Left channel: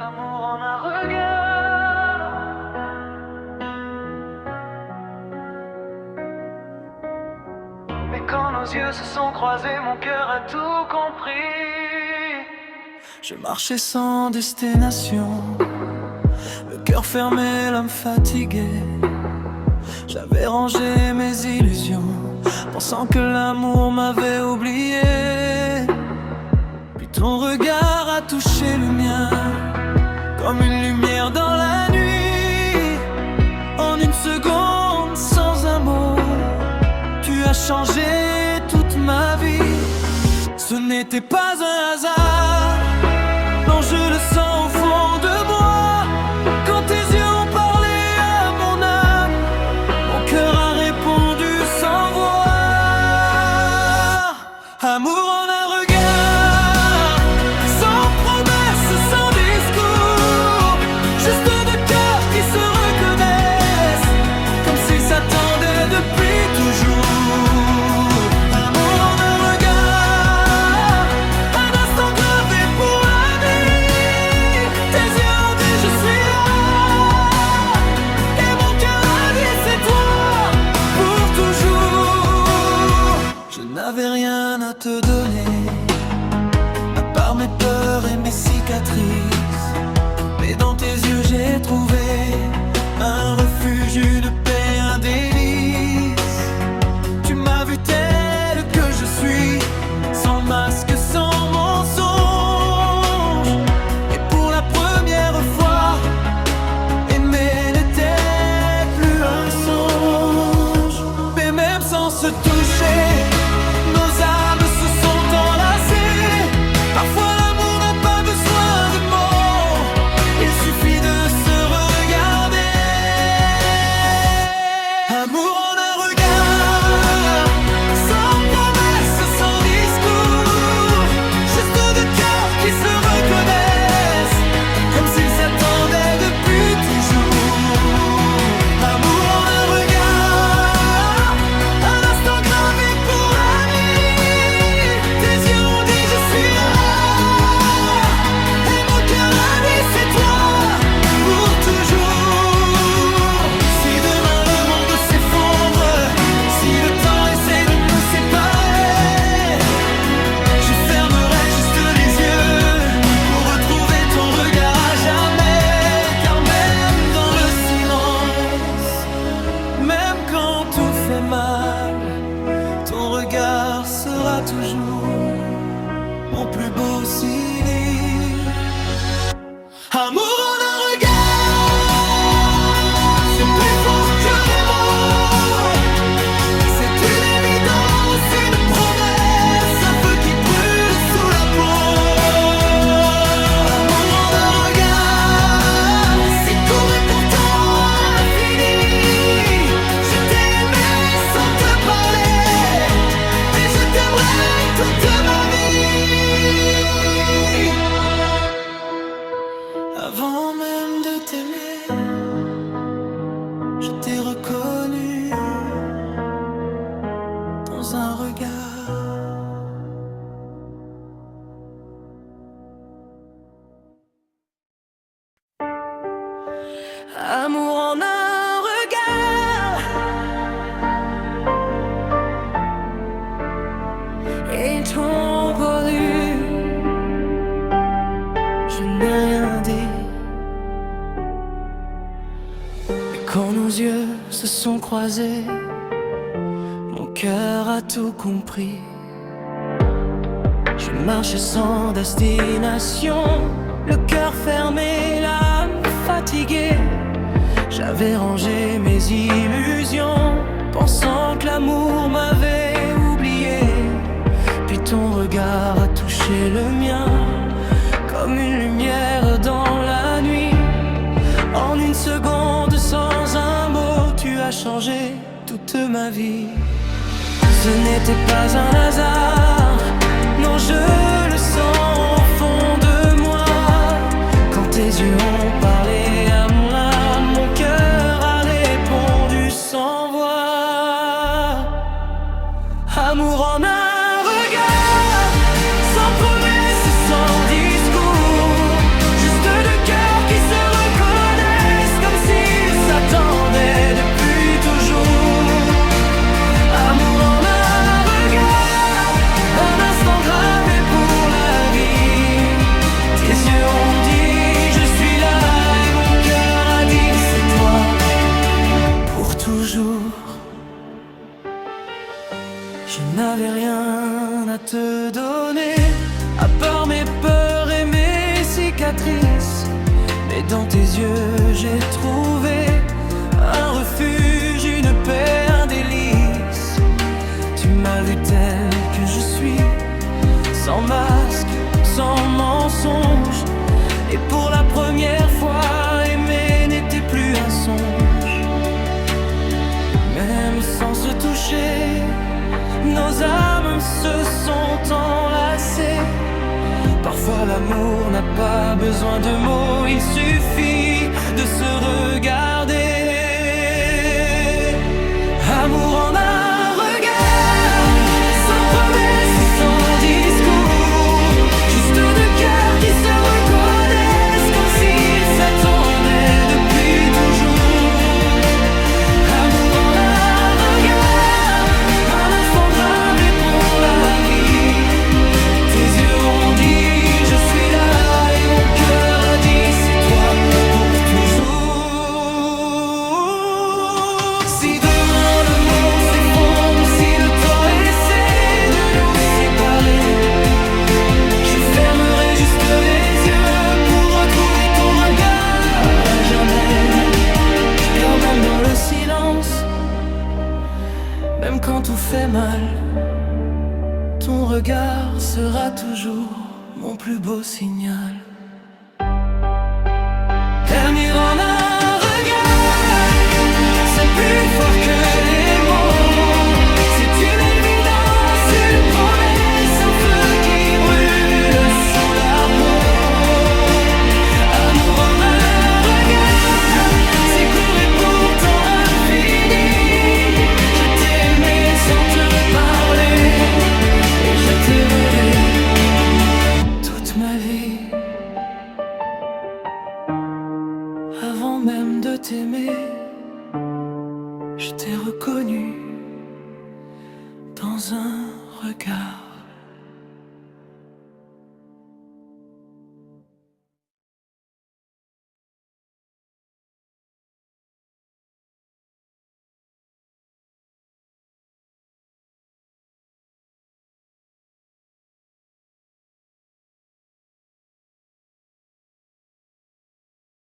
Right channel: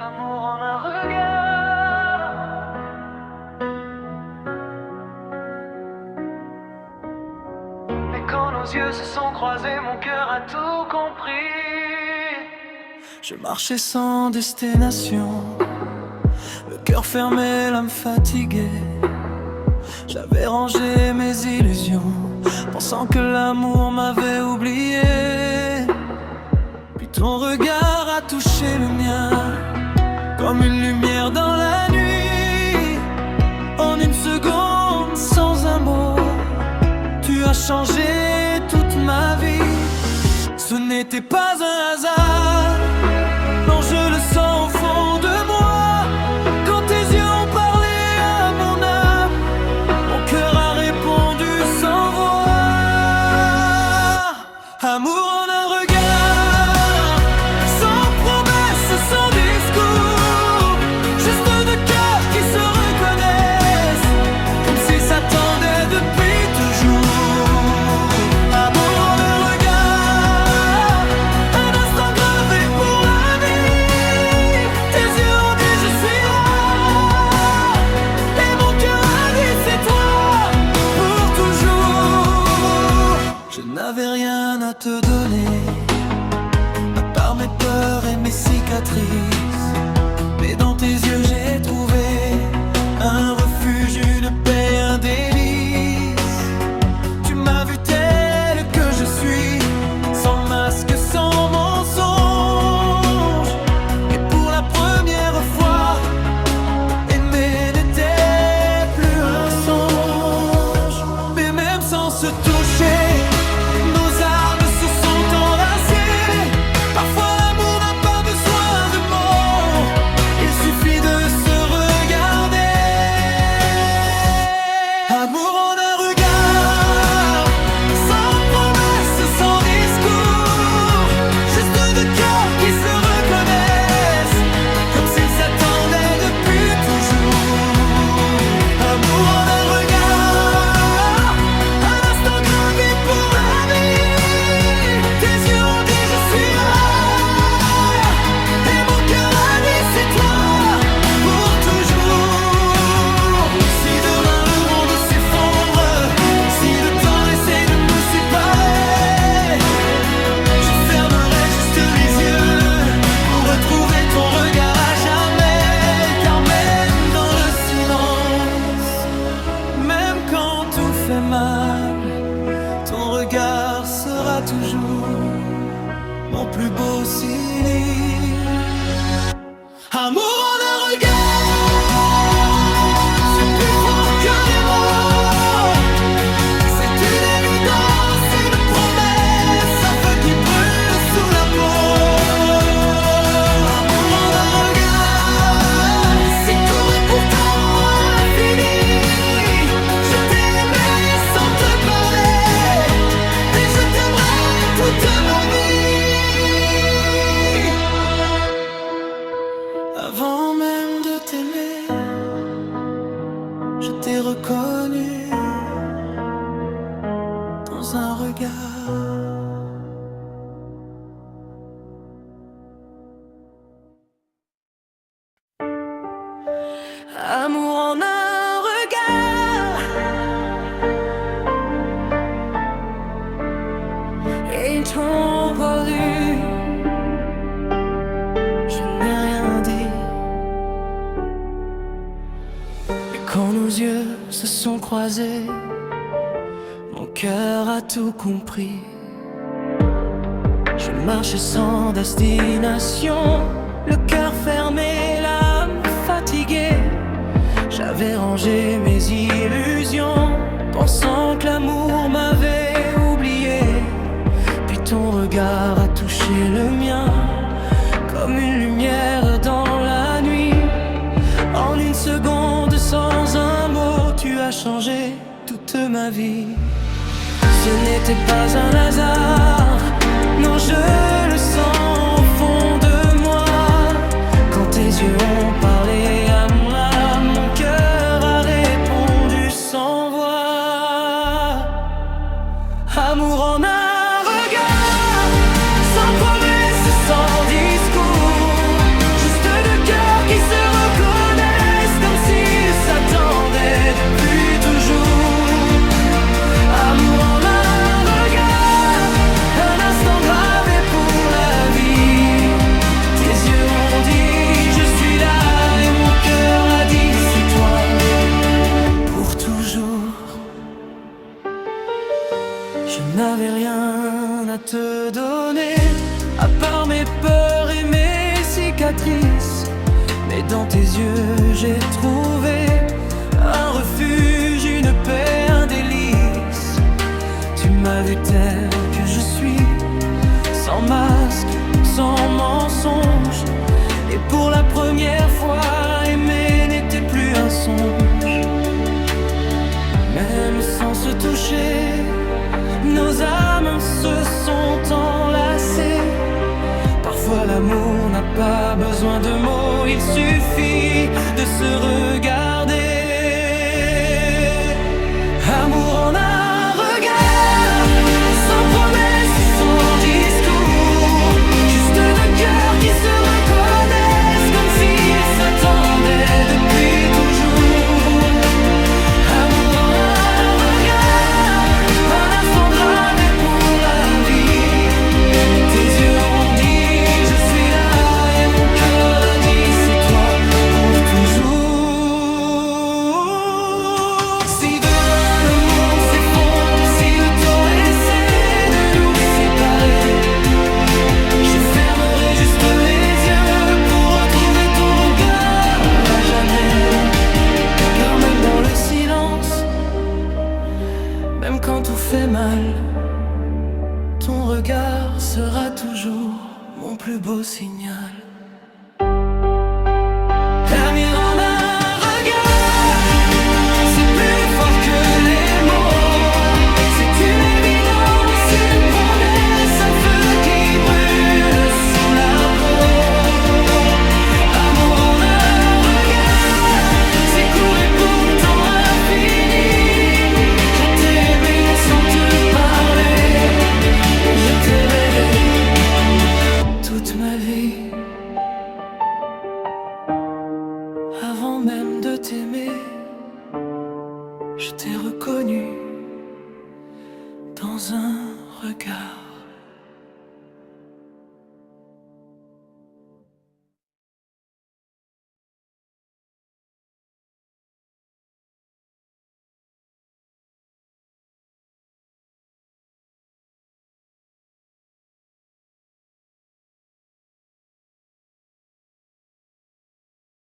Amour en un regard. Mais quand nos yeux se sont croisés, mon cœur a tout compris. Je marchais sans destination, le cœur fermé, l'âme fatiguée. J'avais rangé mes illusions, pensant que l'amour m'avait oublié. Puis ton regard a touché le mien, comme une lumière dans la nuit. En une seconde, sans un mot, tu as changé toute ma vie. Ce n'était pas un hasard, non, je le sens au fond de moi. Quand tes yeux ont parlé à mon âme, mon cœur a répondu sans voix. Amour en un regard, sans promesse, sans discours, juste deux cœurs qui se reconnaissent, comme s'ils s'attendaient depuis toujours. Amour en un regard, un instant gravé pour la vie. Tes yeux ont dit je suis là, et mon cœur a dit c'est toi, pour toujours. Je n'avais rien à te donner, à part mes peurs et mes cicatrices. Mais dans tes yeux j'ai trouvé un refuge, une paix, un délice. Tu m'as vu tel que je suis, sans masque, sans mensonge. Et pour la première fois, aimer n'était plus un songe. Mais même sans se toucher, nos âmes se sont enlacées. Parfois l'amour n'a pas besoin de mots, il suffit de se regarder. Amour en un regard, sans promesse, sans discours, juste deux cœurs qui se reconnaissent, comme s'ils s'attendaient depuis toujours. Amour en un regard, un instant gravé pour la vie. Tes yeux ont dit je suis là, et mon cœur a dit c'est toi, pour toujours. Si demain le monde s'effondre, si le temps essaie de nous séparer, je fermerai juste les yeux pour retrouver ton regard à jamais. Car même dans le silence, même quand tout fait mal, ton regard sera toujours mon plus beau cilice. Amour en un regard, c'est plus fort que les mots. C'est une évidence, une promesse, un feu qui brûle sous la peau. Amour en un regard, si court et pourtant infini. Je t'ai aimé sans te parler, et je t'aimerai toute ma vie. Avant même de t'aimer, je t'ai reconnu dans un regard. Amour en un regard, et ton voulu, je n'ai rien dit. Et quand nos yeux se sont croisés, mon cœur a tout compris. Je marchais sans destination, le cœur fermé, l'âme fatiguée. J'avais rangé mes illusions, pensant que l'amour m'avait oublié. Puis ton regard a touché le mien, comme une lumière dans la nuit. En une seconde, sans un mot, tu as changé toute ma vie. Ce n'était pas un hasard, non, je le sens au fond de moi. Quand tes yeux ont parlé à mon âme, mon cœur a répondu sans voix. Amour en un regard, sans promesse et sans discours, juste deux cœurs mes peurs et mes cicatrices. Mais dans tes yeux j'ai trouvé un refuge, une paix, un délice. Tu m'as vu tel que je suis, sans masque, sans mensonge. Et pour la première fois, aimer n'était plus un songe. Même sans se toucher, nos âmes se sont enlacées. Parfois l'amour n'a pas besoin de mots, il suffit de se regarder. Amour en un regard, sans promesse, sans discours. Juste deux cœurs qui se reconnaissent comme s'ils s'attendaient depuis toujours. Amour en un regard, un instant gravé pour la vie. Tes yeux ont dit je suis là, et mon cœur a dit c'est toi pour toujours. Si demain le monde s'effondre, si le temps essaie de nous séparer, je fermerai juste les yeux pour retrouver ton regard à jamais. Car même dans le silence, même quand tout fait mal, ton regard sera toujours mon plus beau signal. Dernier en un regard, c'est plus fort que les mots. C'est une évidence, une promesse, un feu qui brûle sous la peau. Amour en un regard, c'est court et pourtant infini. Je t'ai aimé sans te parler, et je te verrai toute ma vie. Avant même de t'aimer, je t'ai reconnu dans un regard.